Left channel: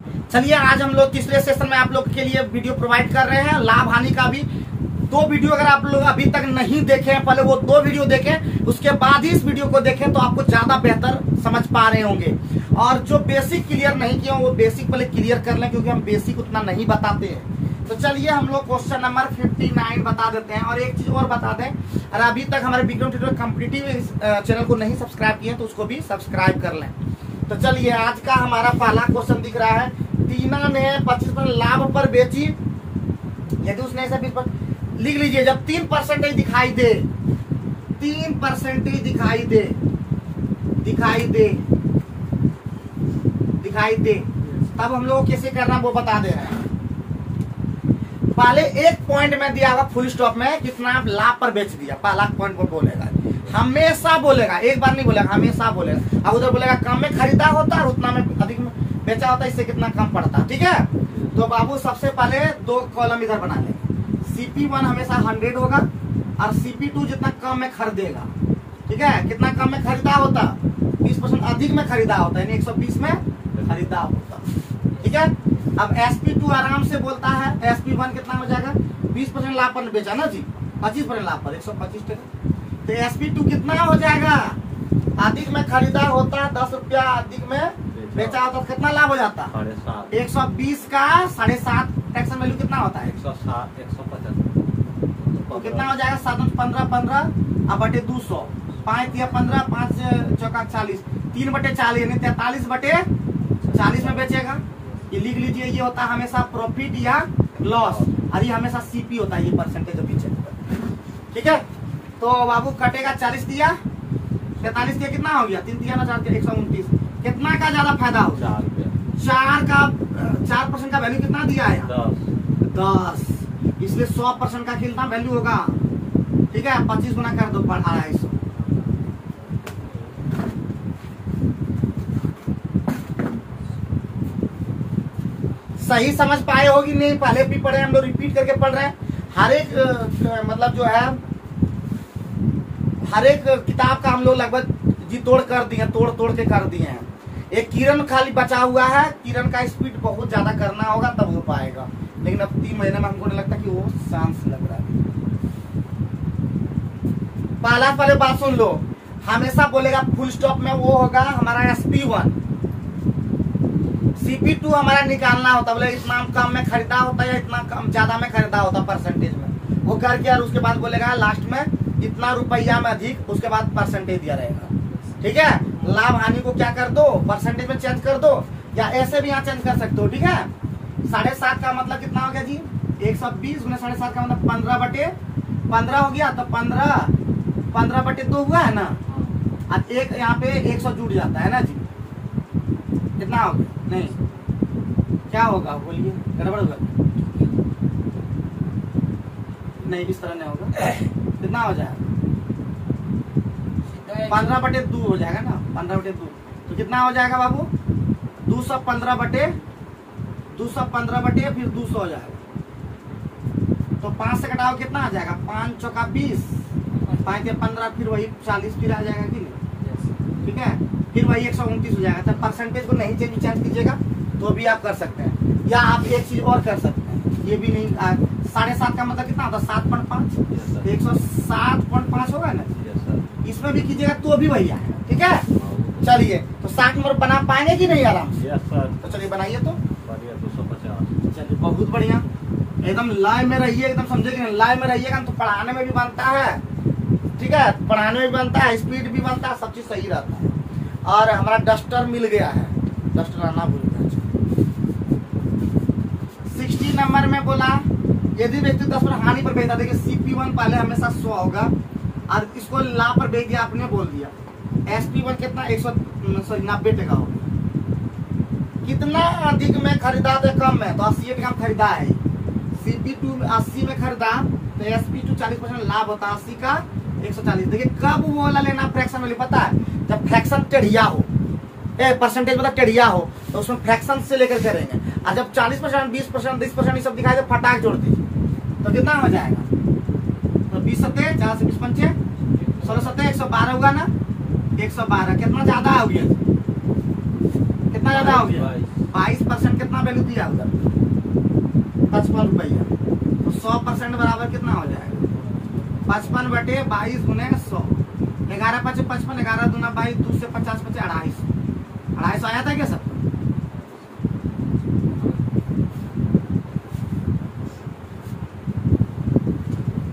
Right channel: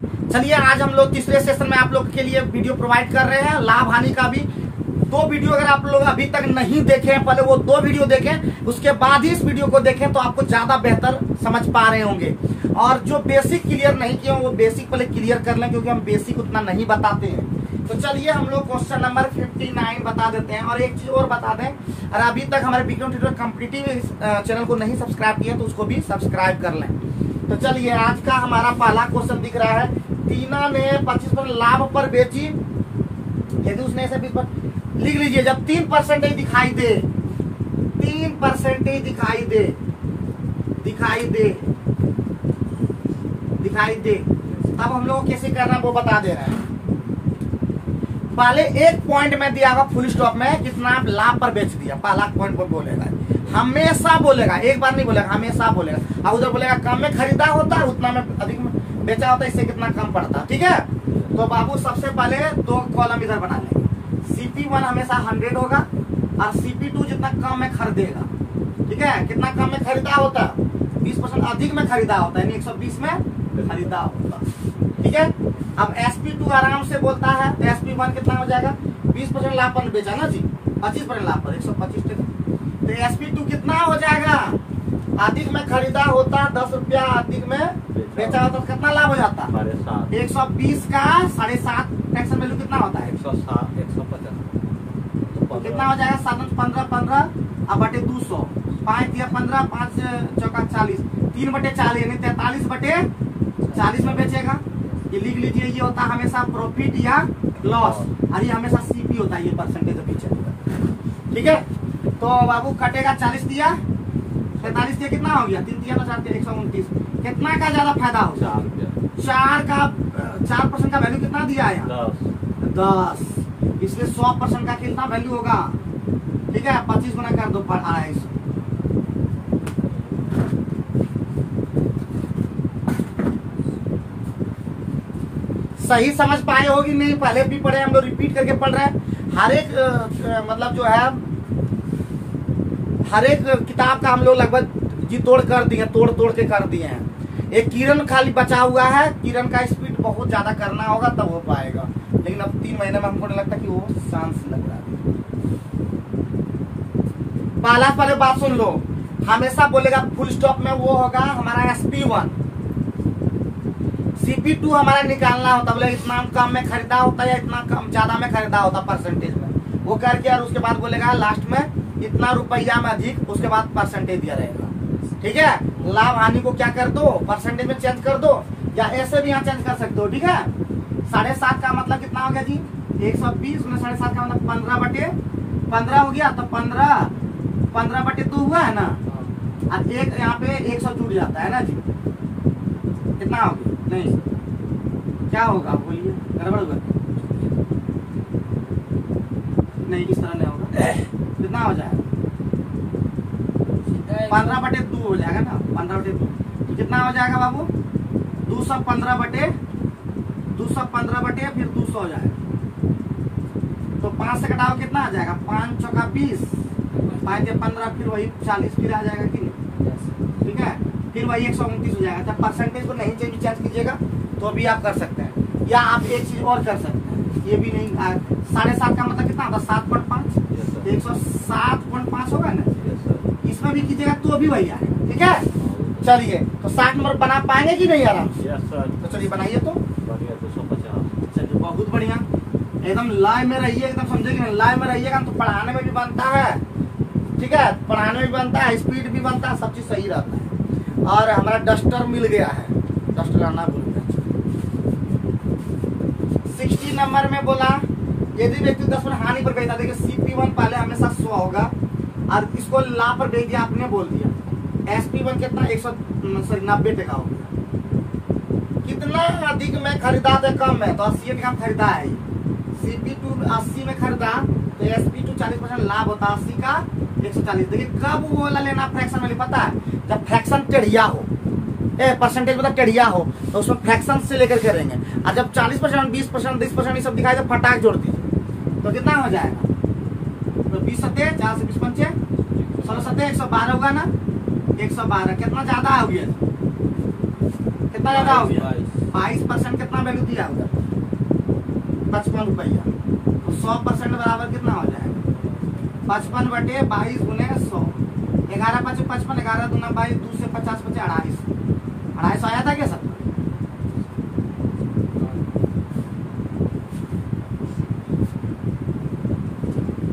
चलिए आज हम लोग तीसरे सेशन में आप लोग के लिए वीडियो प्रोवाइड कर रहे हैं, लाभ हानि का भी। दो वीडियो अगर आप लोग अभी तक नहीं देखे हैं, पहले वो दो वीडियो देखें, उसके बाद ही इस वीडियो को देखें तो आपको ज्यादा बेहतर समझ पा रहे होंगे। और जो बेसिक क्लियर नहीं किया वो बेसिक पहले क्लियर कर लें, क्योंकि हम बेसिक उतना नहीं बताते हैं। तो चलिए हम लोग क्वेश्चन नंबर 59 बता देते हैं। और एक चीज और बता दें, और अभी तक हमारे विक्रम ट्यूटर कॉम्पिटिटिव चैनल को नहीं सब्सक्राइब किया तो उसको भी सब्सक्राइब कर लें। तो चलिए आज का हमारा पहला क्वेश्चन दिख रहा है, टीना ने 25% लाभ पर बेची, यदि उसने ऐसा 20% लिख लीजिए। जब 3% दिखाई दे, 3% दिखाई दे तब हम लोग कैसे करना वो बता दे रहे हैं। पहले एक पॉइंट में दिया होगा फुल स्टॉप में कितना लाभ पर बेच दिया, पहला पॉइंट पर बोलेगा, हमेशा बोलेगा, एक बार नहीं बोलेगा, हमेशा बोलेगा। और उधर बोलेगा कम में खरीदा होता है, उतना में अधिक में बेचा होता है, इससे कितना कम पड़ता है। ठीक है, तो बाबू सबसे पहले दो कॉलम इधर बना लेंगे। CP1 हमेशा 100 होगा और CP2 जितना कम में खरीदेगा। ठीक है, कितना कम में खरीदा होता है, 20% अधिक में खरीदा होता है, यानी 120 में खरीदा होता है। ठीक है, अब SP2 आराम से बोलता है, SP1 कितना हो जाएगा, 20% लाभ पर बेचा ना जी, 25% लाभ पर 125 टका। तो SP2 कितना हो जाएगा, अधिक में खरीदा होता 10 रुपया, अधिक में बेचा होता, कितना लाभ हो जाता है 120 का 7.5 टैक्स वैल्यू कितना होता है 160, 150। तो कितना हो जाएगा 7 15 अब बटे 200, 5 दिया 15, 5 चौका 40, 3/40 यानी 43/40 में बेचेगा। ये लिख लीजिए, ये होता है हमेशा प्रॉफिट या लॉस, और ये हमेशा CP होता है, ये परसेंटेज के पीछे। ठीक है, तो बाबू कटेगा 40 दिया, 45 दिया, कितना हो गया 3 दिया ना 4 दिया 129। कितना का ज्यादा फायदा हो, 4 रुपया, 4% का वैल्यू कितना दिया है 10, इसलिए 100% का कितना वैल्यू होगा। ठीक है, 25 गुना कर दो 250। सही समझ पाए होगी नहीं, पहले भी पढ़े हम लोग, रिपीट करके पढ़ रहे हैं। हर एक मतलब जो है हर एक किताब का हम लोग लगभग जी तोड़ कर दिए, तोड़ के कर दिए हैं। एक किरण खाली बचा हुआ है, किरण का स्पीड बहुत ज्यादा करना होगा तब हो पाएगा, लेकिन अब 3 महीने में हमको नहीं लगता कि वो चांस लग रहा है। पहले बात सुन लो, हमेशा बोलेगा फुल स्टॉप में वो होगा हमारा SP1। CP2 हमारा निकालना होता, बोले इतना कम में खरीदा होता है या इतना कम ज्यादा में खरीदा होता परसेंटेज में, वो करके और उसके बाद बोलेगा लास्ट में इतना रुपया में अधिक, उसके बाद परसेंटेज दिया रहेगा। ठीक है, लाभ हानि को क्या कर दो, परसेंटेज में चेंज कर दो, या ऐसे भी यहाँ चेंज कर सकते हो। ठीक है, 7.5 का मतलब कितना हो गया जी 120 गुना 7.5 का मतलब 15/15 हो गया, तो 15/2 हुआ है ना, अब एक यहाँ पे 100 जुड़ जाता है ना जी, कितना हो गया, नहीं क्या होगा बोलिए, गड़बड़ होगा नहीं, इस तरह नहीं होगा, कितना हो जाएगा 15/2 हो जाएगा ना, 15/2 तो कितना हो जाएगा बाबू 215 बटे फिर 200 हो जाएगा। तो 5 से घटाओ कितना आ जाएगा, 5 चौका 20, 5 के 15 फिर वही 40 फिर आ जाएगा कि नहीं। ठीक है, फिर वही 129 हो जाएगा। तो परसेंटेज को नहीं चेंज कीजिएगा तो भी आप कर सकते हैं, या आप एक चीज और कर सकते हैं, ये भी नहीं 7.5 का मतलब कितना होता है 7.5, 107.5 होगा ना, इसमें भी कीजिएगा तो भी वही आएगा। ठीक है, चलिए तो 60 नंबर बना पाएंगे कि नहीं आराम से? Yes sir. तो चलिए बनाइए तो, बढ़िया 250। चलिए बहुत बढ़िया, एकदम लाइव में रहिए, एकदम समझे कि नहीं, लाइव में रहिएगा तो पढ़ाने में भी बनता है। ठीक है, पढ़ाने में भी बनता है, स्पीड भी बनता है, सब चीज सही रहता है। और हमारा डस्टर मिल गया है, डस्टर आना भूल गया। 60 नंबर में बोला, यदि व्यक्ति 10% हानि पर बेचता, देखिए CP1 पहले हमेशा 100 होगा और इसको लाभ पर बेच दिया, आपने बोल दिया। SP1 कितना 90 टका होगा, कितना अधिक में खरीदा तो कम में, तो 80 टका में खरीदा है। CP2 80 में खरीदा तो SP2 40% लाभ होता, 80 का 140। देखिए कब वो वाला लेना फ्रैक्शन वाली, पता है जब फ्रैक्शन टेढ़िया हो, परसेंटेज मतलब टेढ़िया हो तो उसमें फ्रैक्शन से लेकर करेंगे। और जब 40%, 20%, 30% ये सब दिखाई दे, फटाक जोड़ दीजिए तो कितना हो जाएगा, तो 20 सत्ते 4 से 20 पंचे 16 सत्ते 112 होगा ना, 112 कितना ज्यादा हो गया, कितना ज्यादा हो गया 22%, कितना वैल्यू दिया उधर 55 रुपया, तो 100% बराबर कितना हो जाएगा 55/22 गुने 100। 11 5 55, 11 दूना 22, 2 से 50 बचे 250 आया था क्या सर?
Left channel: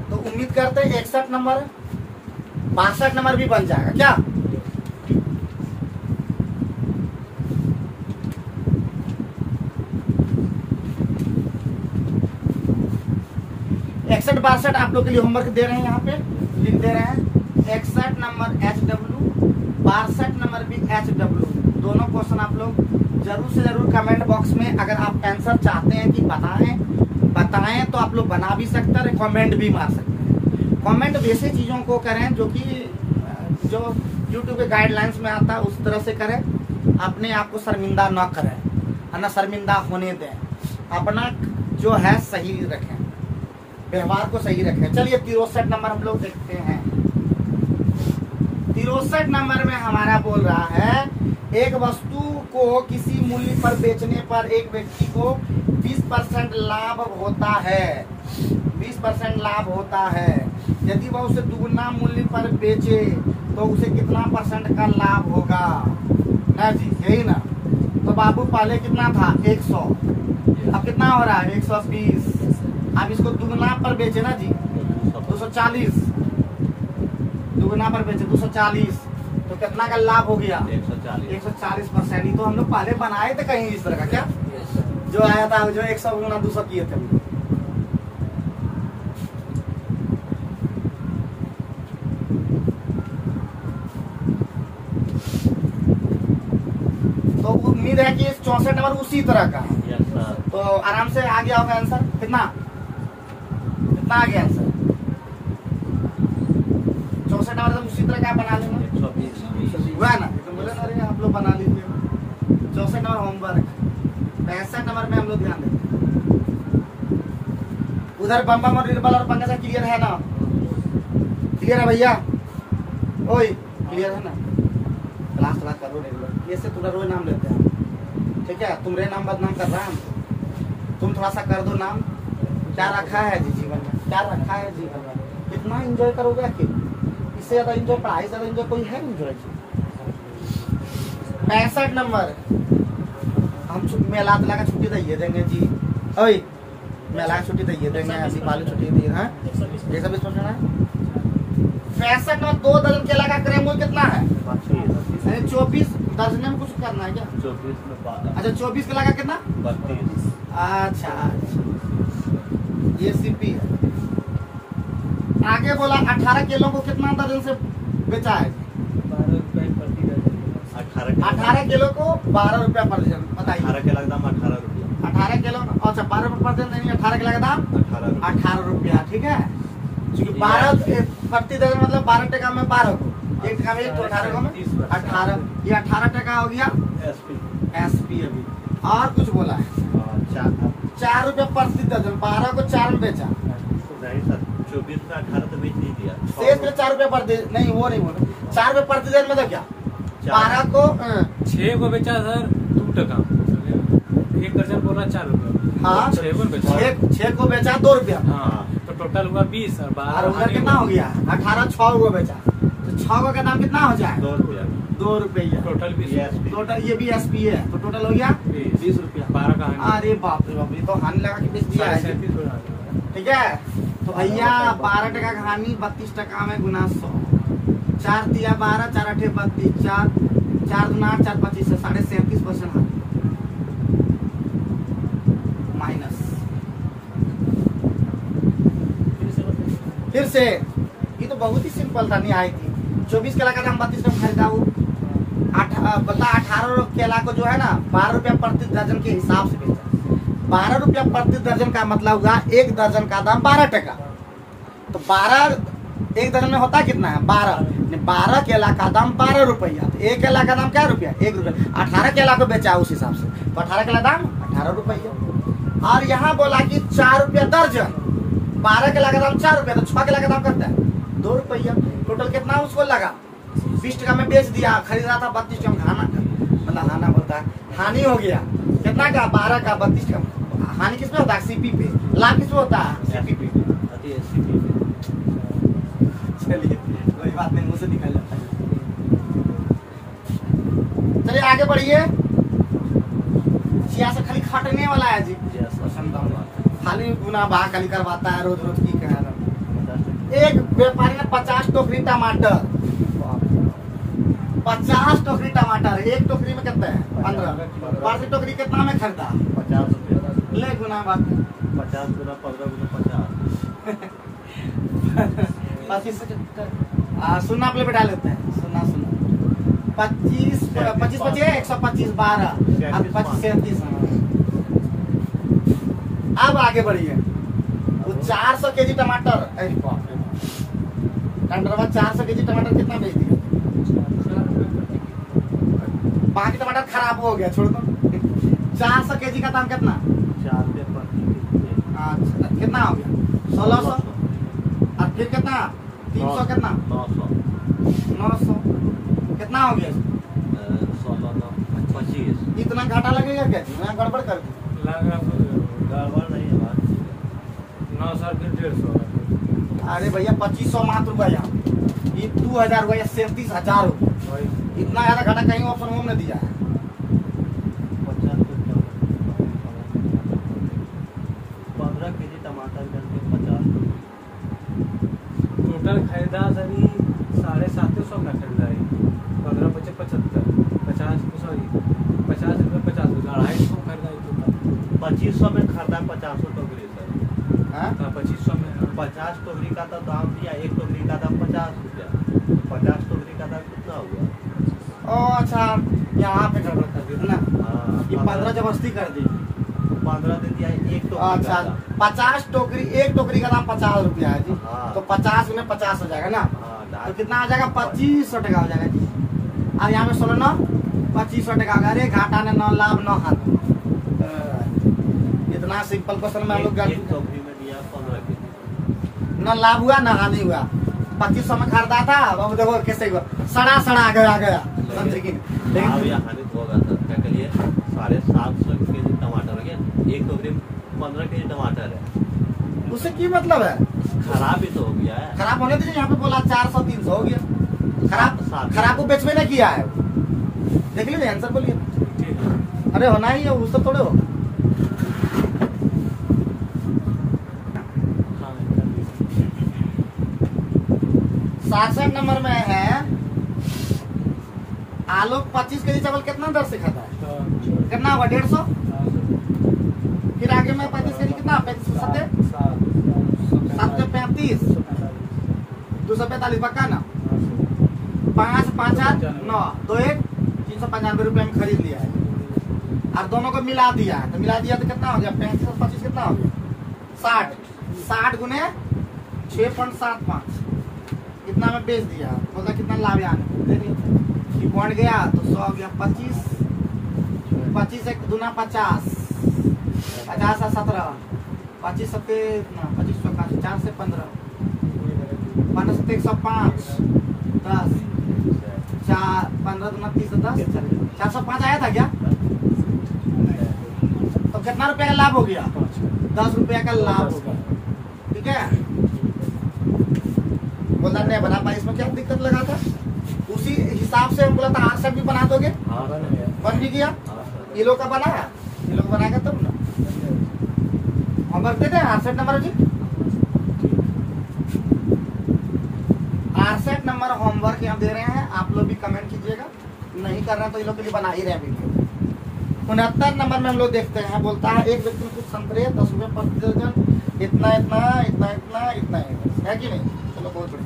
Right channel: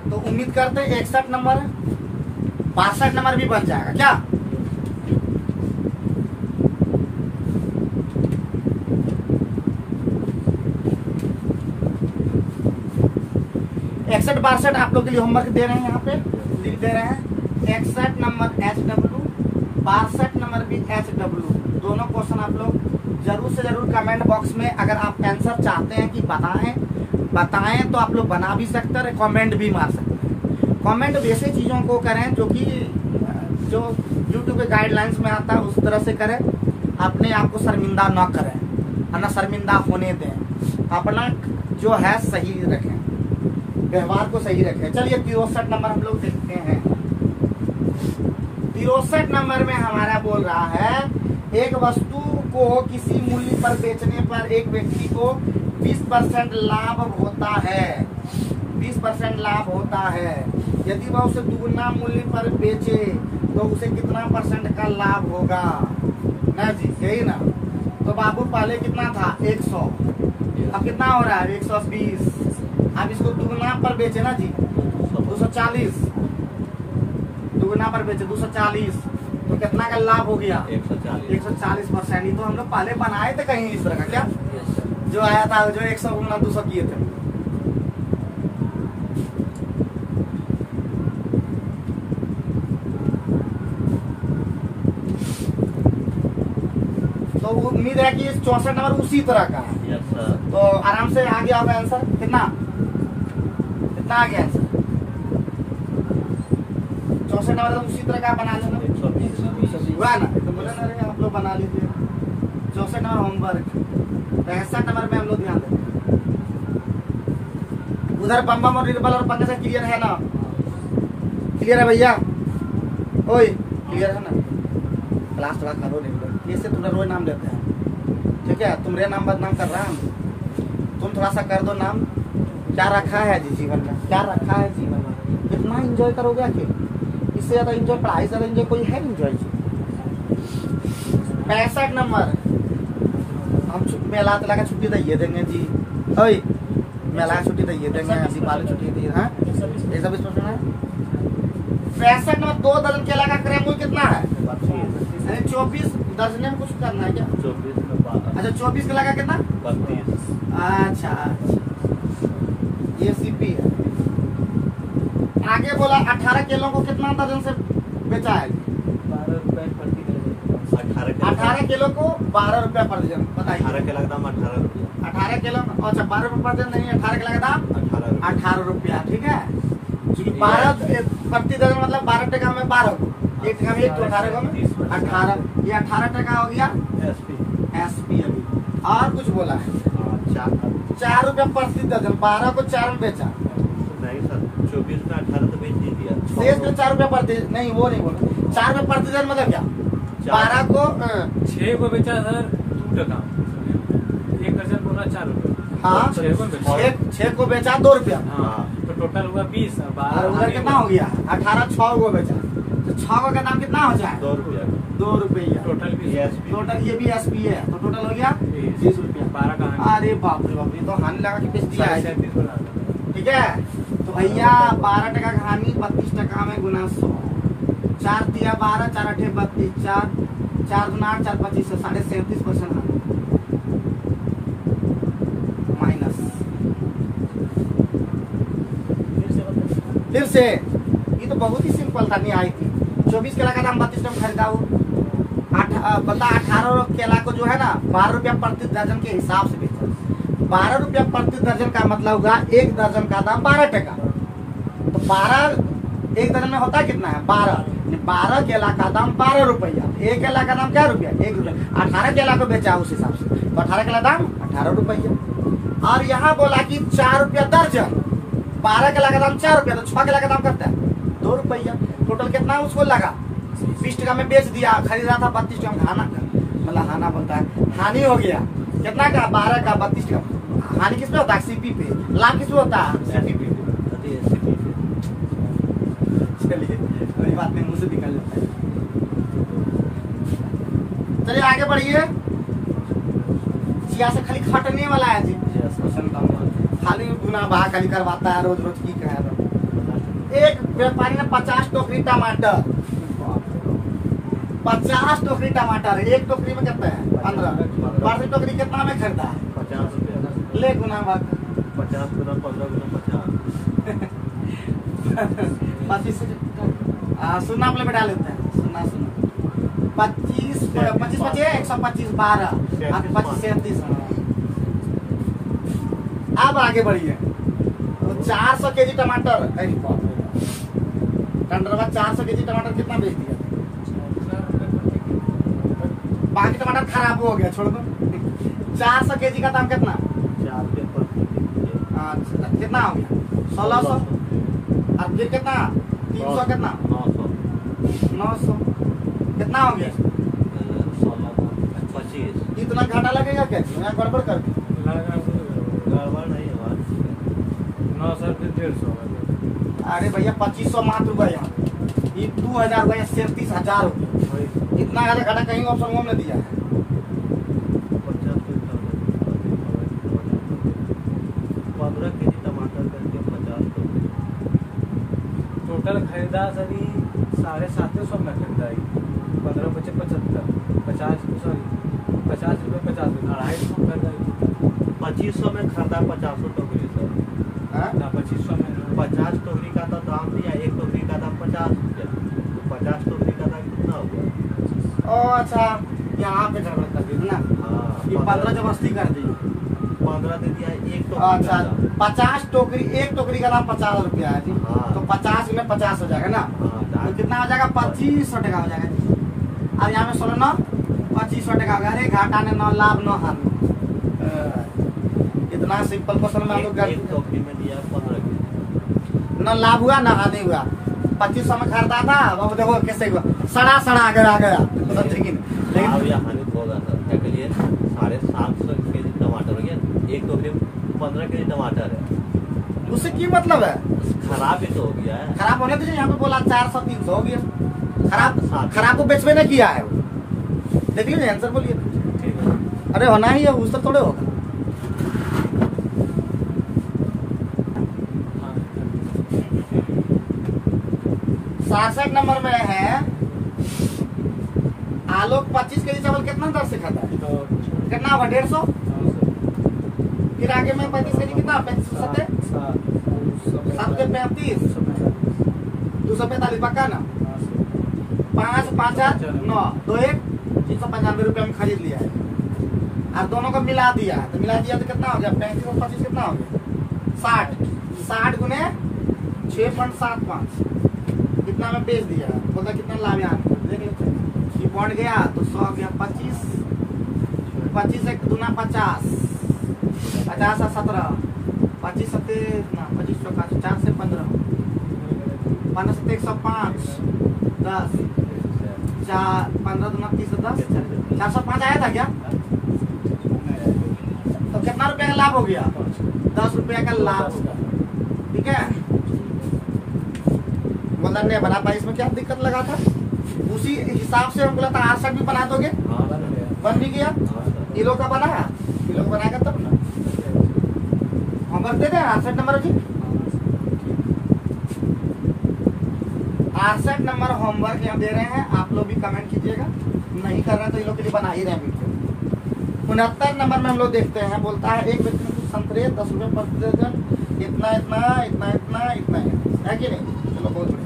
तो उम्मीद करते हैं 61 नंबर 62 नंबर भी बन जाएगा क्या? इकसठ 62 आप लोग के लिए होमवर्क दे रहे हैं, यहाँ पे लिख दे रहे हैं 61 नंबर HW, 62 नंबर भी HW। दोनों क्वेश्चन आप लोग जरूर से जरूर कमेंट बॉक्स में अगर आप आंसर चाहते हैं कि बताएं तो आप लोग बना भी सकते हैं, कमेंट भी मार सकते हैं। कमेंट वैसे चीजों को करें जो YouTube के गाइडलाइंस में आता है उस तरह से करें, अपने आप को शर्मिंदा न करें, है ना, शर्मिंदा होने दें, अपना जो है सही रखें, व्यवहार को सही रखें। चलिए 63 नंबर हम लोग देखते हैं। 63 नंबर में हमारा बोल रहा है एक वस्तु को किसी मूल्य पर बेचने पर एक व्यक्ति को 20% लाभ होता है। 20% लाभ होता है। यदि वह उसे दुगुना मूल्य पर बेचे तो उसे कितना % का लाभ होगा? ना जी, यही ना। तो बाबू पहले कितना था 100, अब कितना हो रहा है 120। आप इसको दुगुना पर बेचे ना जी 240, दुगुना पर बेचे 240, तो कितना का लाभ हो गया 140%। तो हम लोग पहले बनाए थे कहीं इस तरह का क्या, जो आया था जो 100 गुना 200 किए थे। तो उम्मीद है कि 64 नंबर उसी तरह का है। Yes sir. तो आराम से आ गया होगा आंसर। कितना आ गया आंसर 64 नंबर तो उसी तरह का बना लेना। 120 हुआ ना, तो बोले ना रे आप लोग बना लीजिए। 64 नंबर होमवर्क। 65 नंबर में हम लोग ध्यान दें। उधर बम्बम और निर्बल और पंकज क्लियर है ना? क्लियर है भैया? ओए क्लियर है ना? क्लास थोड़ा करो नहीं, ये से तुम्हारा रोज नाम लेते हैं, ठीक है? तुम्हारे नाम बदनाम कर रहा है, तुम थोड़ा सा कर दो नाम। क्या रखा है जी जीवन में, क्या रखा है जीवन में? कितना एंजॉय करोगे आखिर? इससे ज्यादा एंजॉय, पढ़ाई से ज्यादा एंजॉय कोई है एंजॉय? 65 नंबर हम मेला तेला का छुट्टी दिए देंगे जी। ओए मेला छुट्टी दिए देंगे, दीपावली छुट्टी दिए हैं। 120 है। 65 नंबर 2 दर्जन केला का क्रय मूल्य कितना है? 24 दर्जन में कुछ करना है क्या? 24 में 12। अच्छा 24 केला का कितना? 32। अच्छा ये सीपी है। आगे बोला 18 किलो को कितना दर्जन से बेचा है? 12 रुपए प्रति दर्जन। 18 किलो को 12 रुपया प्रति दर्जन। बताइए 18 किलो का दाम 18 रुपया। 18 किलो, अच्छा 12 रुपये प्रति दर्जन नहीं, 18 किलो का दाम 18 रुपया, ठीक है? क्योंकि 12 प्रति दर्जन मतलब 12 टका में 12 को, 1 टका में 1 तो 18 में 18, ये 18 टका हो गया एसपी। अभी और कुछ बोला है 4 रुपया प्रति दर्जन, 12 को 4 में बेचा। नहीं सर, 24 में 18 तो बेच दीजिए। शेष में 4 रुपया प्रति, नहीं वो नहीं बोला, 4 रुपया प्रति दर्जन मतलब क्या? 12 को 6 को बेचा सर 2 टका, 1 दर्जन बोला 4 रुपया। हाँ 6 को बेचा 2 रुपया, तो टोटल हुआ 20 और उधर कितना हो गया 18, 6 को बेचा, तो 6 का दाम कितना हो जाए? 2 रुपया। 2 रुपया टोटल 20। टोटल, ये भी एसपी है, तो टोटल हो गया 20 रुपया। 12 का अरे बाप रे बाप, ये तो हानि लगा के बेच दिया है। 37 बोला। ठीक है, तो भैया 12 टका का हानि 32 टका में गुना 100, 4 दिया 12, 4 8 32, 4 दूना 8, 4 25 से 37.5% हानि माइनस। फिर से ये तो बहुत ही सिंपल था, नहीं आई थी। 24 केला का दाम 32 में खरीदा हूँ, बता 18 केला को जो है ना 12 रुपया प्रति दर्जन के हिसाब से बेचा। 12 रुपया प्रति दर्जन का मतलब हुआ 1 दर्जन का दाम 12 टका। तो 12 1 दर्जन में होता कितना है 12 केला का दाम 12 रुपया, 1 केला का दाम क्या रुपया 1 रुपया। 18 केला को बेचा उस हिसाब से, तो 18 केला दाम 18 रुपया। और यहाँ बोला कि 4 रुपया दर्जन, 12 केला का दाम 4 रुपया, तो 6 केला का दाम करता है 2 रुपया। टोटल कितना उसको लगा 20 टका में बेच दिया, खरीदा था 32 टका। हाना मतलब हाना बोलता है, हानि हो गया कितना का 12 का 32 का हानि किस पे होता है सीपी पे, लाभ किस पे होता है सीपी पे। एससीपी पे। चलिए कोई बात नहीं, मुंह से निकल जाता है। चलिए आगे बढ़िए। जिया से खाली खटने वाला है जी, खाली गुना भाग खाली करवाता है रोज रोज की कह रहा। एक व्यापारी ने 50 टोकरी टमाटर, 50 टोकरी टमाटर, एक टोकरी में कितना है 15, 12 टोकरी कितना में खरीदा 50 रुपया। ले गुना भाग 50 गुना 15 गुना 50। 25 सुन्ना प्ले पे डाल लेते हैं, सुन्ना 25 25 125 12 25 37। अब आगे बढ़िए। वो 400 केजी टमाटर, टंडरवा 400 केजी टमाटर कितना बेच दिया? बाकी टमाटर खराब हो गया, छोड़ दो। 400 केजी का दाम कितना? 4 रुपये प्रति। कितना हो गया? 1600। और फिर कितना 300 कितना 900 कितना हो गया? 25। इतना घाटा लगेगा क्या? यहाँ गड़बड़ कर गड़बड़ नहीं है बात। 900 150। अरे भैया 2500 मात्र रुपया यहाँ, ये 2000 रुपया 37,000 हो गया। इतना ज्यादा घाटा कहीं ऑप्शन वो में दिया है। 15 केजी टमाटर करके 50 रुपये। टोटल खरीदा सभी 750 में खरीदा है। 15 बचे 75, 50 रुपये 50 250 खरीदा 2500 में खरीदा 50 टोकरी सर। हाँ? 2500 में 50 टोकरी का तो दाम दिया, एक टोकरी का दाम 50 रुपया। 50 टोकरी का दाम कितना हुआ? ओ अच्छा, यहाँ पे गड़बड़ कर दी ना, हाँ, ये 15 जबरदस्ती कर दी। 15 दे दिया एक टोकरी अच्छा का दाम। 50 टोकरी, एक टोकरी का दाम 50 रुपया है जी। हाँ। तो 50 में 50 हो जाएगा ना, हाँ, तो कितना हो जाएगा? 2500 टका हो जाएगा जी। अब यहाँ पे 16 9 2500 टका हो गया। अरे घाटा ने 9 लाभ 9 हानि। इतना सिंपल क्वेश्चन में हम लोग एक टोकरी में दिया 15 केजी। न लाभ हुआ न हानि हुआ। 2500 में खरीदा था, अब देखो कैसे हुआ, सड़ा आ गया समझे कि नहीं? लाभ या हानि तो होगा सर। क्या करिए 750 केजी टमाटर हो गया, एक टोकरी में 15 केजी टमाटर है। उससे की मतलब है? खराब भी तो हो गया है। खराब होने दीजिए। यहाँ पे बोला 400 300 हो गया। खराब को बेचवे ने किया है। देख लीजिए आंसर बोलिए। अरे होना ही है, उससे थोड़े होगा। साठ नंबर में है आलोक 25 केजी चावल कितना दर से खाता है? कितना हुआ? 150। फिर आगे में 35 केजी कितना? 735 245 पक्का ना? 5 5 8 9 2 1 395 रुपये में खरीद लिया है। और दोनों को मिला दिया, तो कितना हो गया? 35 और 25 कितना हो गया? 60 गुने 6.75 कितना में बेच दिया। बोला कितना लाभ यहाँ देख लीजिए। पॉइंट गया तो 100 हो गया। 25 एक दूना 50 50 और 17 25 सत्ते 25 4 से 15 15 सत्ते 105 10 4 15 दूना 30 10 405 आया था क्या? तो कितना रुपया का लाभ हो गया? 10 रुपया का लाभ हो गया। ठीक है, बोला नहीं बना पाई। इसमें क्या दिक्कत लगा था? उसी हिसाब से हम बोला था आर सेट भी बना दोगे, बन भी गया। किलो का बना, किलो का बनाएगा तब ना। हम भरते थे आर सेट नंबर जी। आर सेट नंबर होमवर्क यहाँ दे रहे हैं, आप लोग भी कमेंट कीजिएगा। नहीं कर रहे हैं तो ये लोग के लिए बना ही रहे हैं वीडियो। 69 नंबर में हम लोग देखते हैं, बोलता है एक व्यक्ति में कुछ संतरे 10 रुपये प्रति दर्जन, इतना है कि नहीं? चलो बहुत बढ़िया।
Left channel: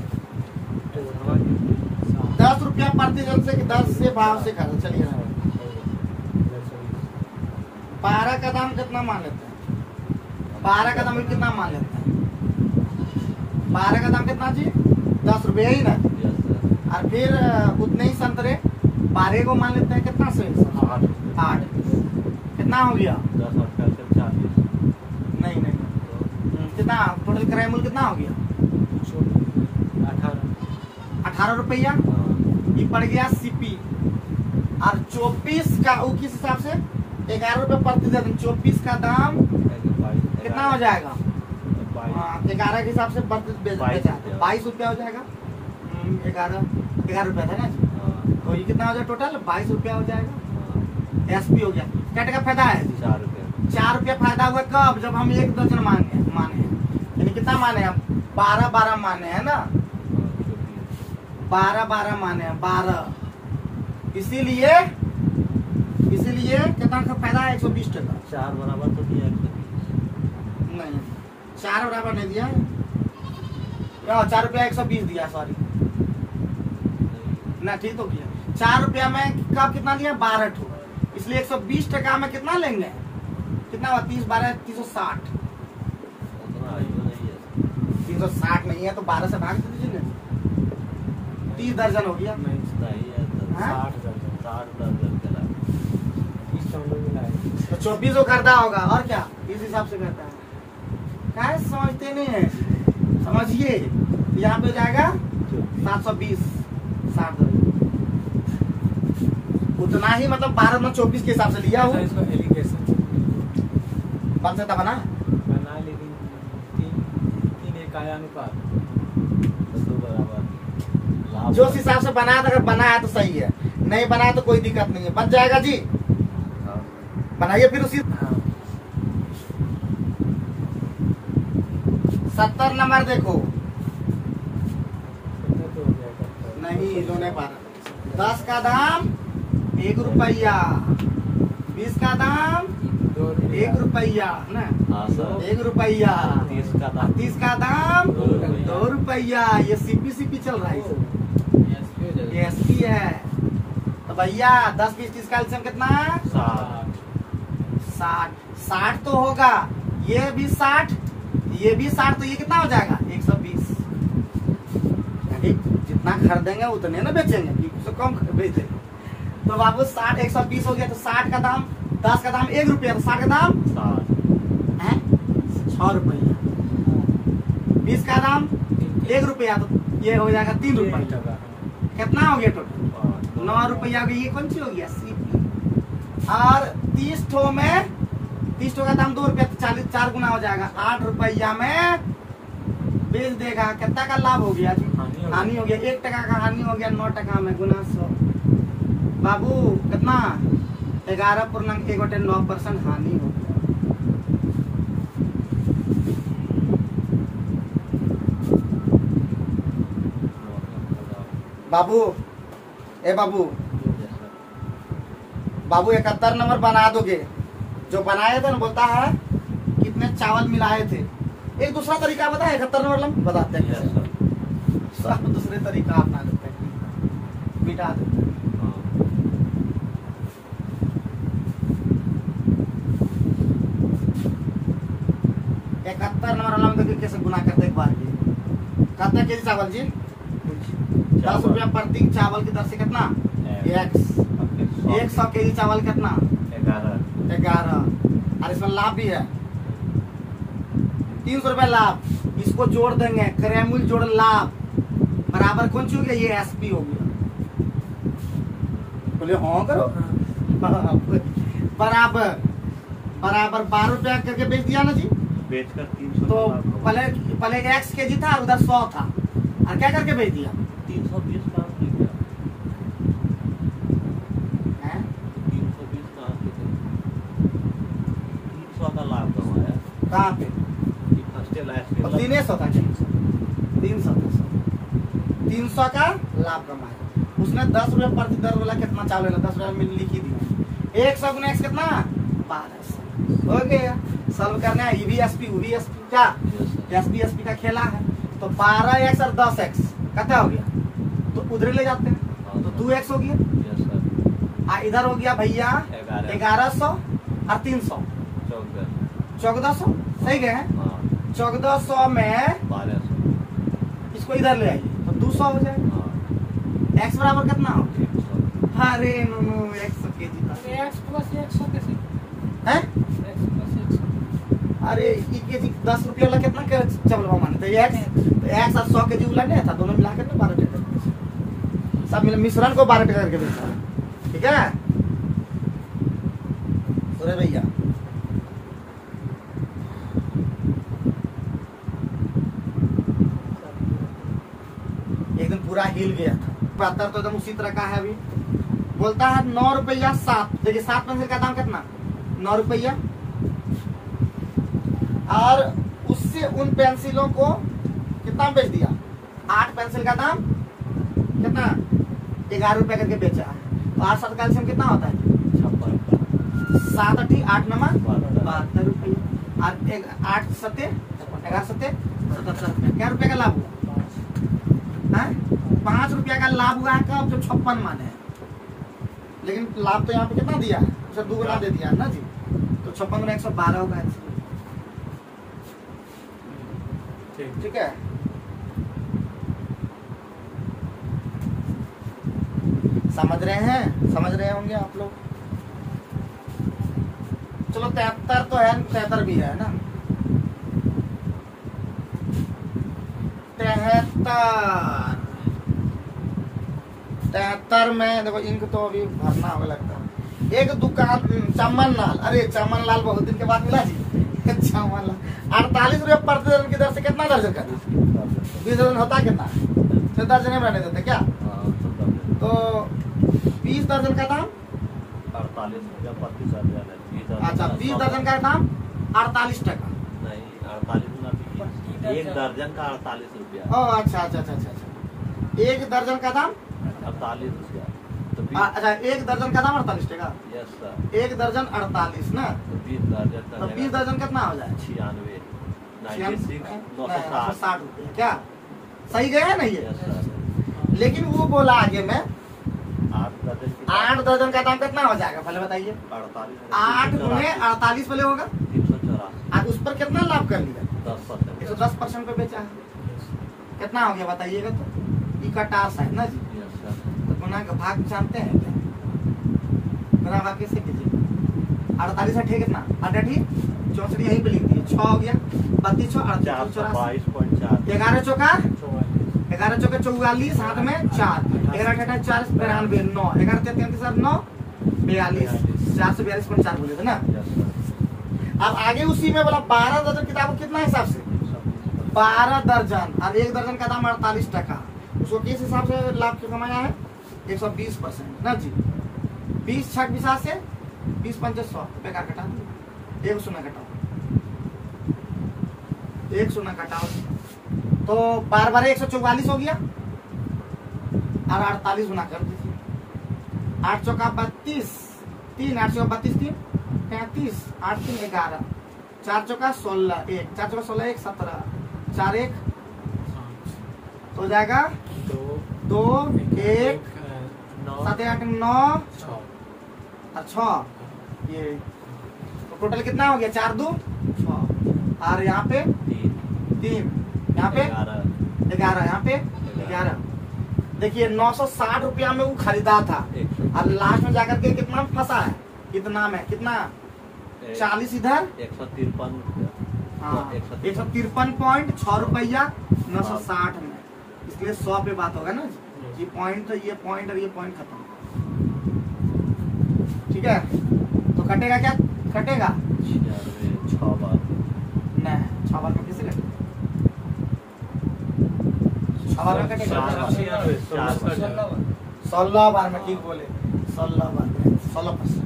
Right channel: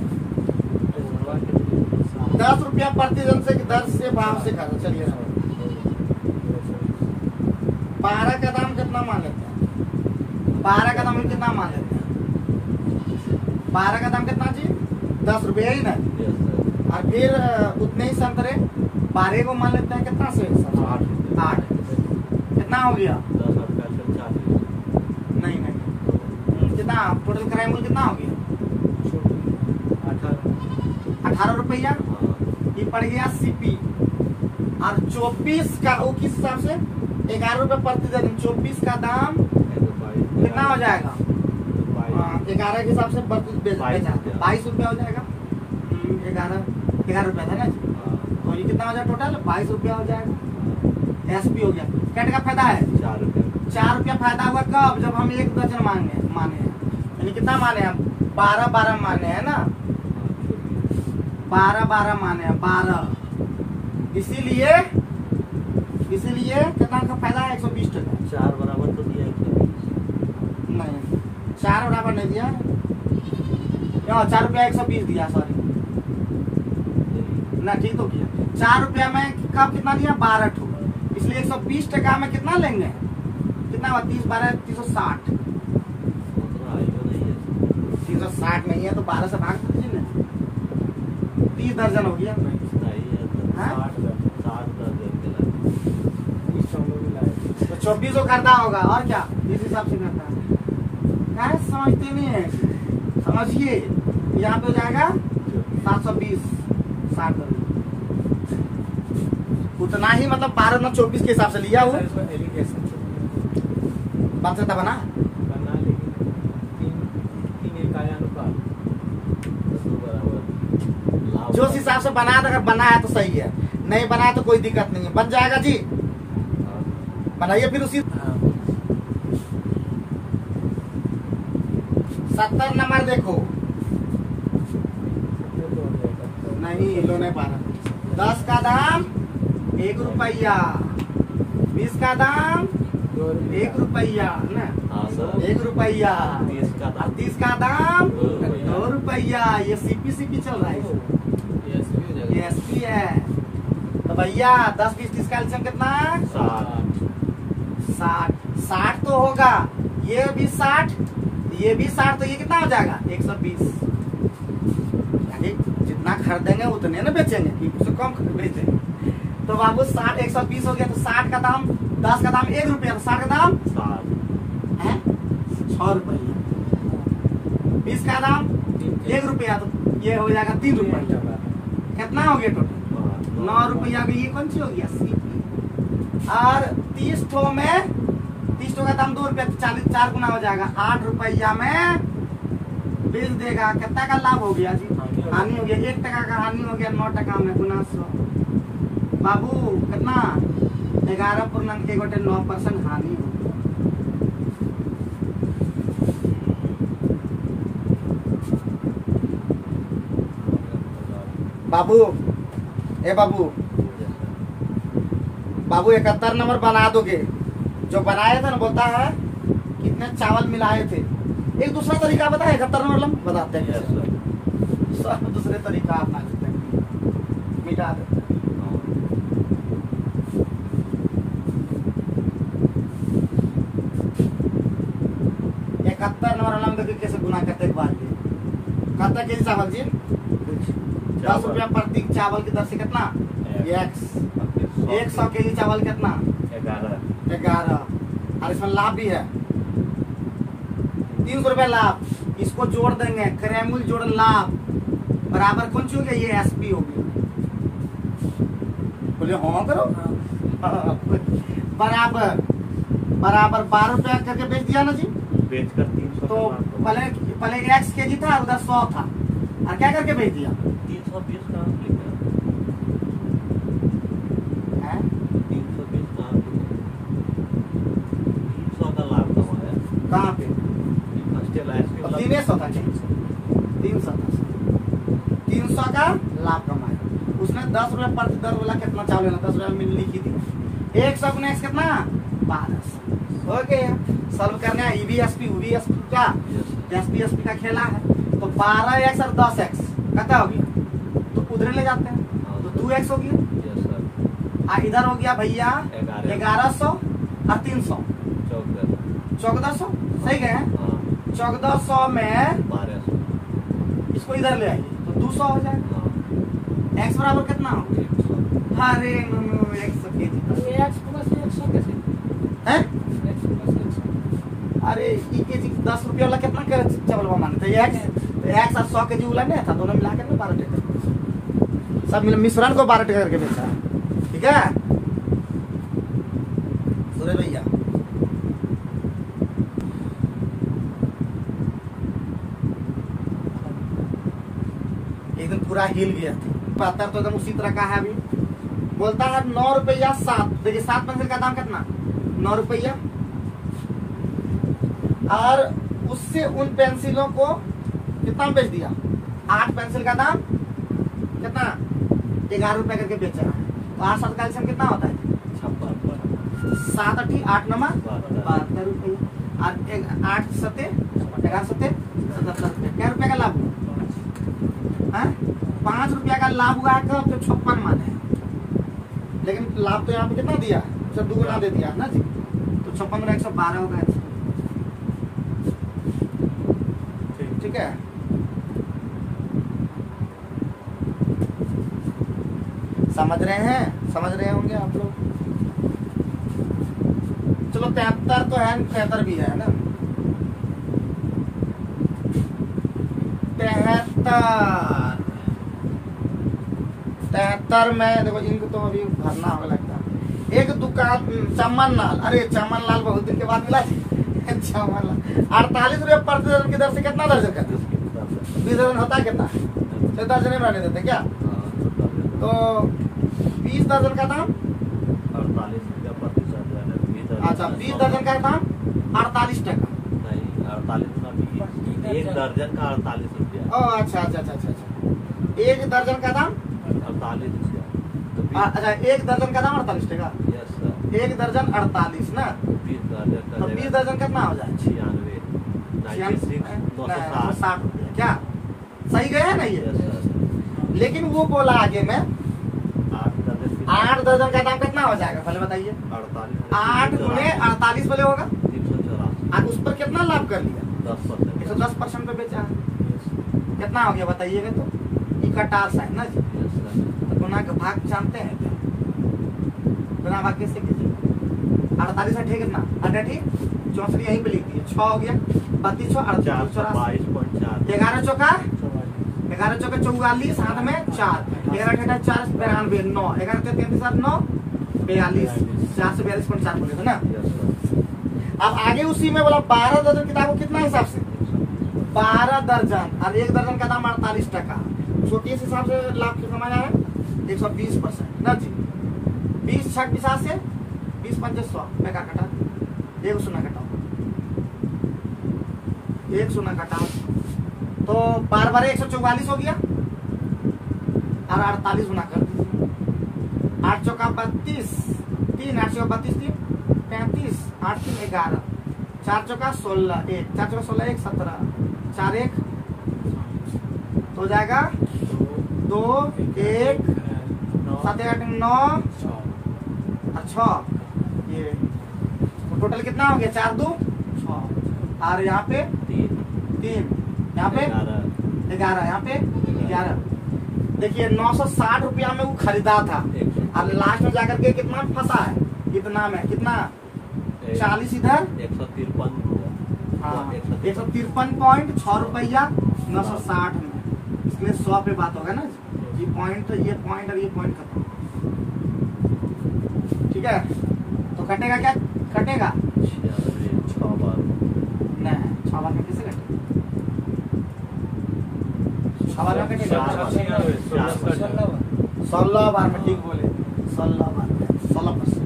10 रुपया प्रति दर्जन से दर से भाव से खाता। चलिए 12 का दाम कितना मान लेते हैं? 12 का दाम कितना मान लेते हैं? 12 का दाम कितना जी? 10 रुपया ही ना। और फिर उतने ही संतरे 12 को मान लेते हैं कितना से? 8 कितना हो गया? 10 और 40 नहीं कितना टोटल किराया मूल्य कितना हो गया? 18 रुपया। ये पड़ गया सीपी। और 24 का वो किस हिसाब से? 11 रुपए प्रति दर्जन। 24 का दाम कितना हो जाएगा? 11 के हिसाब से 22 रुपया हो जाएगा। 11 रुपया था ना जी, तो ये कितना हो जाएगा टोटल? 22 रुपया हो जाएगा। एसपी हो गया। क्या टका फायदा है? 4 रुपये। 4 रुपया फायदा हुआ कब? जब हम 1 दर्जन माने हैं, यानी कितना माने हैं? 12 माने हैं ना, 12 माने हैं, 12। इसीलिए कितना का फायदा है? 120 टका। 4 बराबर तो दिया 120 नहीं, 4 बराबर नहीं दिया, 4 रुपया 120 दिया, सॉरी ना, ठीक तो किया। 4 रुपया में कब कितना दिया? 12 ठो, इसलिए 120 टका में कितना लेंगे? कितना हुआ? 30 12 360। उतना आएगा नहीं है। 360 नहीं है तो 12 से भाग दीजिए ना, 30 दर्जन हो गया। नहीं है तो हाँ? 60 दर्जन के लाए। तो 24 को करता होगा, और क्या इस हिसाब से करता है। क्या समझते नहीं है? समझिए, यहाँ पे हो जाएगा 720, 60 दर्जन। उतना ही, मतलब 12 में 24 के हिसाब से लिया हो। बन सकता बना, लेकिन 3 इकाई अनुपात तो बराबर लाभ। जो हिसाब से बना, अगर बना है तो सही है, नहीं बना है तो कोई दिक्कत नहीं है। बन जाएगा जी, हाँ। बनाइए फिर उसी। 70 नंबर देखो, नहीं लो नहीं पा रहा। 10 का दाम 1 रुपया, 20 का दाम 1 रुपया ना, हाँ सर। 1 रुपया। 30 का दाम 30 का दाम 2 रुपया। 2 रुपया। ये सीपी चल रहा है, ये एसपी है। तो भैया 10 20 30 का एलसीएम कितना? 60। 60 तो होगा, ये भी 60, ये भी 60, तो ये कितना हो जाएगा? 120। यानी जितना खरीदेंगे उतने ना बेचेंगे, उससे कम बेचेंगे। तो बाबू 60 120 हो गया, तो 60 का दाम, 10 का दाम 1 रुपया, तो 60 का दाम 60 है 6 रुपया। 20 का दाम 1 रुपया, तो ये हो जाएगा 3 रुपया। कितना हो गया टोटल? 9 रुपया। ये कौन सी हो गया? सीपी। और 30 ठो में 30 ठो का दाम 2 रुपया, तो 40 4 गुना हो जाएगा। 8 रुपया में बेच देगा। कितना का लाभ हो गया जी? हानि हो गया। 1 टका का हानि हो गया, 9 टका में गुना 100। बाबू कितना? 11.1 हानि हो गया। बाबू ए बाबू 71 नंबर बना दोगे? जो बनाए थे ना, बोलता है कितने चावल मिलाए थे। एक दूसरा तरीका बताए 71 नंबर लंग बताते हैं। Yes sir. सब दूसरे तरीका अपना देते हैं, मिटा देते हैं। 71 नंबर वाला में देखिए कैसे गुना करते एक बार। कितना केजी चावल जी? 10 रुपया प्रति चावल की दर से कितना? एक्स। 100 केजी चावल कितना? 11। और इसमें लाभ भी है 300 रुपया लाभ। इसको जोड़ देंगे, क्रयमूल्य जोड़ लाभ बराबर कौन सी हो गया? ये एसपी हो गया। बोले हाँ करो। बराबर 12 रुपया करके बेच दिया ना जी। बेचकर 300 तो पहले एक्स केजी था, उधर 100 था, और क्या करके बेच दिया? 320 कहाँ से लिखा? 320 कहाँ से लिखा? 300 का लाभ कमाया। कहाँ पे? हॉस्टल आइस के 300 था, 300 का लाभ कमाया। उसने 10 रुपया प्रति दर वाला कितना चावल है? 10 रुपया में लिख ही दिया। 100 गुना एक्स कितना? 1200 हो गया। सॉल्व करना है। ईवीएसपी का एसपी का खेला है। तो 12x और 10x कितना हो गया? तो उधर ले जाते हैं, तो 2x हो गया। इधर हो गया भैया 1100 और 300 1400। सही गए? 1400 में 1200 इसको इधर ले आइए तो 200 हो जाएगा। x बराबर कितना हो? 100। अरे 100 केजी है। अरे केजी 10 रुपया वाला कितना चावल माने? तो एक्स और 100 केजी वाला नहीं था, दोनों मिलाकर ना 12 टका सब मिश्रण को 12 टका करके बेचा। ठीक है, अरे भैया एक दिन पूरा हिल गया था। 72 तो एकदम उसी तरह का है। अभी बोलता है 9 रुपया 7। देखिए 7 पेंसिल का दाम कितना, 9 रुपया। और उससे उन पेंसिलों को कितना बेच दिया, 8 पेंसिल का दाम कितना, 11 रुपया करके बेचा है। तो 8 7 का एलसीएम कितना होता है, 56, 7 8 8 9 72 रुपया। और 8 7 11 7 77 रुपया। क्या रुपया का लाभ हुआ, 5 रुपया का लाभ हुआ है। कब, तो 56 माने। लेकिन लाभ तो यहाँ पे कितना दिया, 2 गुना दे दिया ना जी। तो 56 में 112 होगा। ठीक है, समझ रहे हैं, समझ रहे होंगे आप लोग। चलो 73 तो है, 73 भी है ना। 73 में देखो, इंक तो अभी भरना होगा लगता है। एक दुकान चमन लाल, अरे चमन लाल बहुत दिन के बाद मिला जी। चमन लाल 48 रुपये प्रति दर्जन की दर से कितना दर्जन करता है, 20 दर्जन होता है कितना, 6 दर्जन में रहने देते क्या। तो 20 दर्जन का दाम 48 रुपया प्रति दर्जन। अच्छा, 20 दर्जन का दाम 48 टका। नहीं, 48 ना, 1 दर्जन का 48 रुपया। अच्छा अच्छा अच्छा अच्छा, 1 दर्जन का दाम 48 रुपया। तो अच्छा, 1 दर्जन का दाम 48 टका। Yes sir. 1 दर्जन 48 ना। तो 20 दर्जन तो 20 दर्जन कितना हो जाए, 96, 96, 960। रुपया। क्या सही गया है ना ये। Yes sir. लेकिन वो बोला आगे में 8 दर्जन की 8 दर्जन का दाम कितना हो जाएगा, पहले बताइए। 48, 8 गुणे 48 वाले होगा। 384, आज उस पर कितना लाभ कर लिया, 10%। 110% पे बेचा है। कितना हो गया बताइएगा। तो ई का टार साइन ना जी। Yes sir. तो गुना का भाग जानते हैं क्या, गुना भाग कैसे कीजिए। 48 अठे कितना, 8 64 यहीं पे लिख दिए। 6 हो गया, 32 6 48 422.4। 11 चौका 44, हाथ में 4, 11 8 4 92 9, 11 33 7 9 42, 442.4 बोले थे ना। Yes sir. अब आगे उसी में बोला 12 दर्जन किताबों कितना हिसाब से, 12 दर्जन। अब 1 दर्जन का दाम 48 टका। उसको किस हिसाब से लाभ कमाया है, 120% ना जी। 20 छक 20 से 20 5 100 बेकार कटा, 1 शून्य घटाओ, 1 शून्य घटाओ। तो 12 12 144 हो गया। और 48 गुना कर दीजिए। 8 चौका 32, 3 8 चौका 32 3 35, 8 3 11, 4 चौका 16 1, 4 चौका 16 1 17, 4 1 हो जाएगा 2 1 7 8 9 और 6। ये तो टोटल कितना हो गया, 4 2 6। और यहाँ पे 3, यहाँ पे 11, यहाँ पे 11। देखिए 960 रुपया में वो खरीदा था और लास्ट में जाकर के कितना फंसा है, कितना में, कितना 40 इधर 153। हाँ, 153.6 रुपया 960 में। इसलिए 100 पे बात होगा ना। ये पॉइंट और ये पॉइंट खत्म। ठीक है, तो कटेगा क्या, कटेगा 6 बार नहीं, 6 बार में कैसे कटेगा, 6 बार में कटेगा 16 बार में। ठीक बोले, 16 बार में 16%।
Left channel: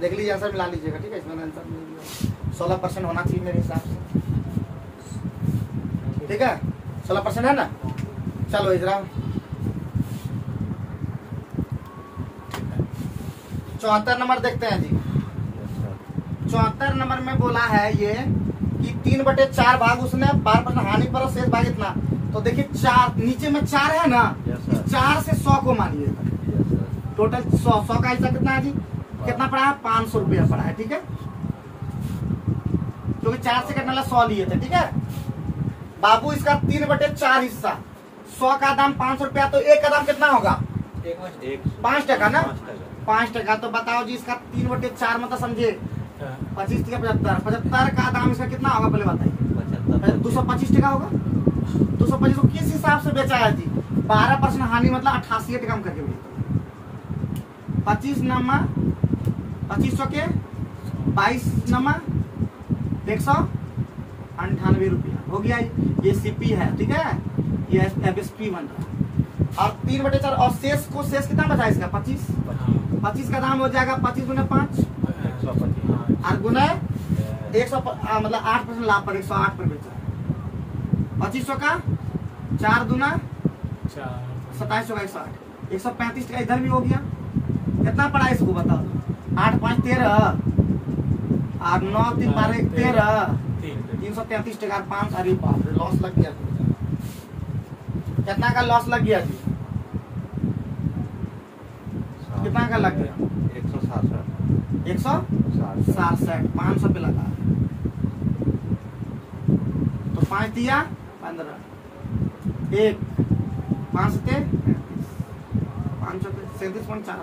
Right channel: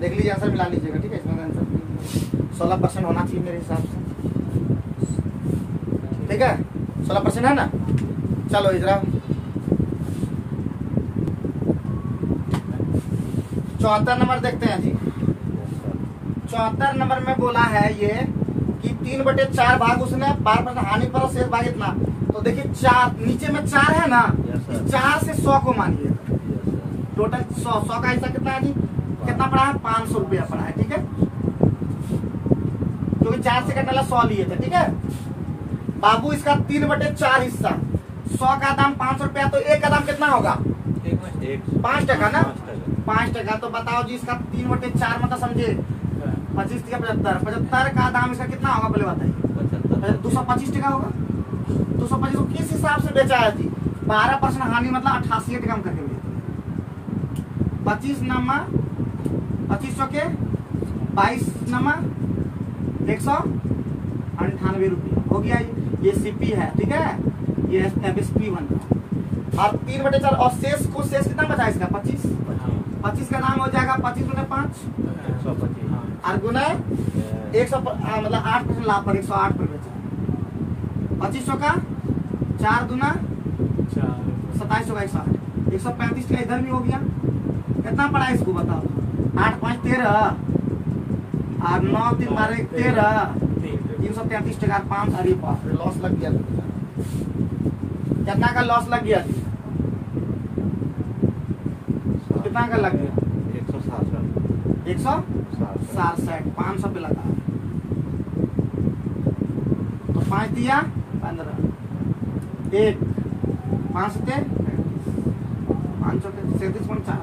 देख लीजिए, आंसर मिला लीजिएगा। ठीक है, इसमें आंसर 16% होना चाहिए मेरे हिसाब से। ठीक है, 16% है ना। चलो इजरा 74 नंबर देखते हैं जी। 74 नंबर में बोला है ये कि 3/4 भाग उसने 12% हानि पर शेष भाग इतना। तो देखिए 4 नीचे में 4 है ना, 4 से 100 को मानिए। टोटल 100 का हिस्सा कितना है जी, कितना पड़ा है, 500 रुपया पड़ा है। ठीक है, क्योंकि 4 से कटने वाला 100 लिए थे। ठीक है बाबू, इसका 3/4 हिस्सा, 100 का दाम 500 रुपया, तो 1 का दाम कितना होगा, 5 टका ना, 5 टका। तो बताओ जी, इसका 3/4 मतलब समझे 25 टका 75 का दाम इसका कितना होगा, पहले बताइए। 225 टका होगा। 225 को किस हिसाब से बेचा है जी, 12% हानि मतलब 88 टका करके बेचा। 25 नमा 2500 के 22 नमा 198 रुपया हो गया। ये सीपी है, ठीक है, ये एफएसपी बन रहा है। और 3/4 और शेष कितना बचा इसका 25 का दाम हो जाएगा 25 गुना 5 125 और गुना 100 मतलब 8% लाभ पर 108 पर बेचा। 2500 का 4 गुना 2700 का 108 135 का इधर भी हो गया। कितना पड़ा इसको बताओ? 8 5 13 और 9 3 12 13 333 टका 5। अरे बाप रे, लॉस लग गया। कितना का लॉस लग गया जी? कितना का लग गया? 167 500 पे लगा तो 5 दिया 15 1 5 से 500 पे 37.4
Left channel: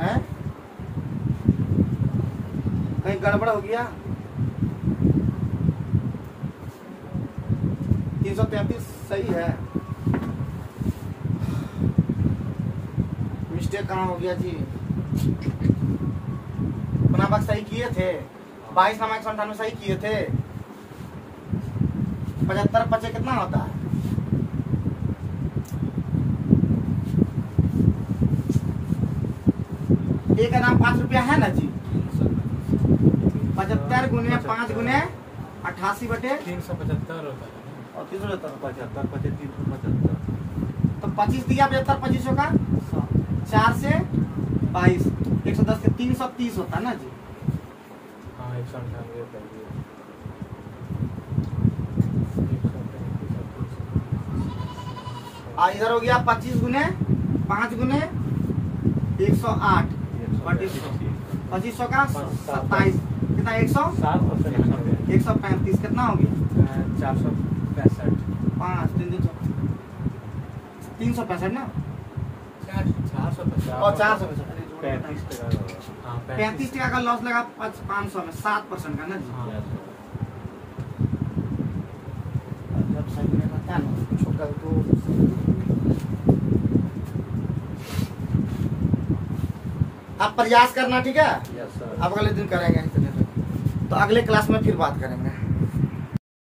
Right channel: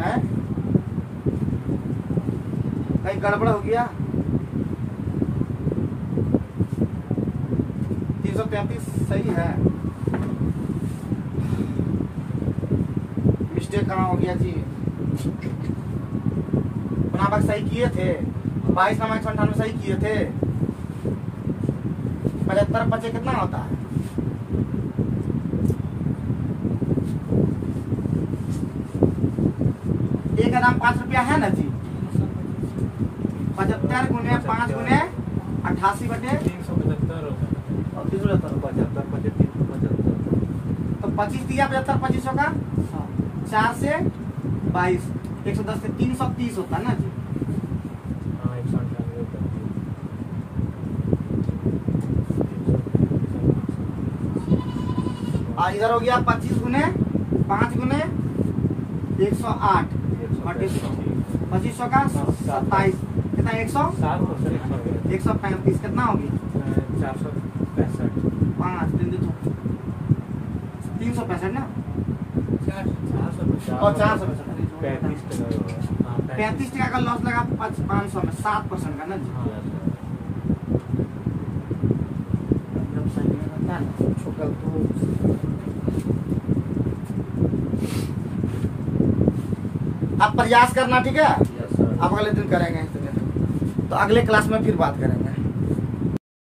है। कहीं गड़बड़ हो गया? 333 सही है। मिस्टेक कहाँ हो गया जी? पुनाबाग सही किए थे, 22 नमा 198 सही किए थे। 75 बचे कितना होता है? एक का दाम 5 रुपया है ना जी। 75 गुने 5 गुने 88/375 और 375 तो 25 दिया 75 2500 का 4 से 22 110 से 330 होता है ना जी। और इधर हो गया 25 गुने 5 गुने 108 2500 का 27 कितना 135 कितना हो गया 465 5 365 ना और 35 टका का लॉस लगा 500 में 7% का ना जी। जब सही में रहता है ना छोटा तो आप प्रयास करना, ठीक है। Yes sir. अब अगले दिन करेंगे, तो अगले क्लास में फिर बात करेंगे।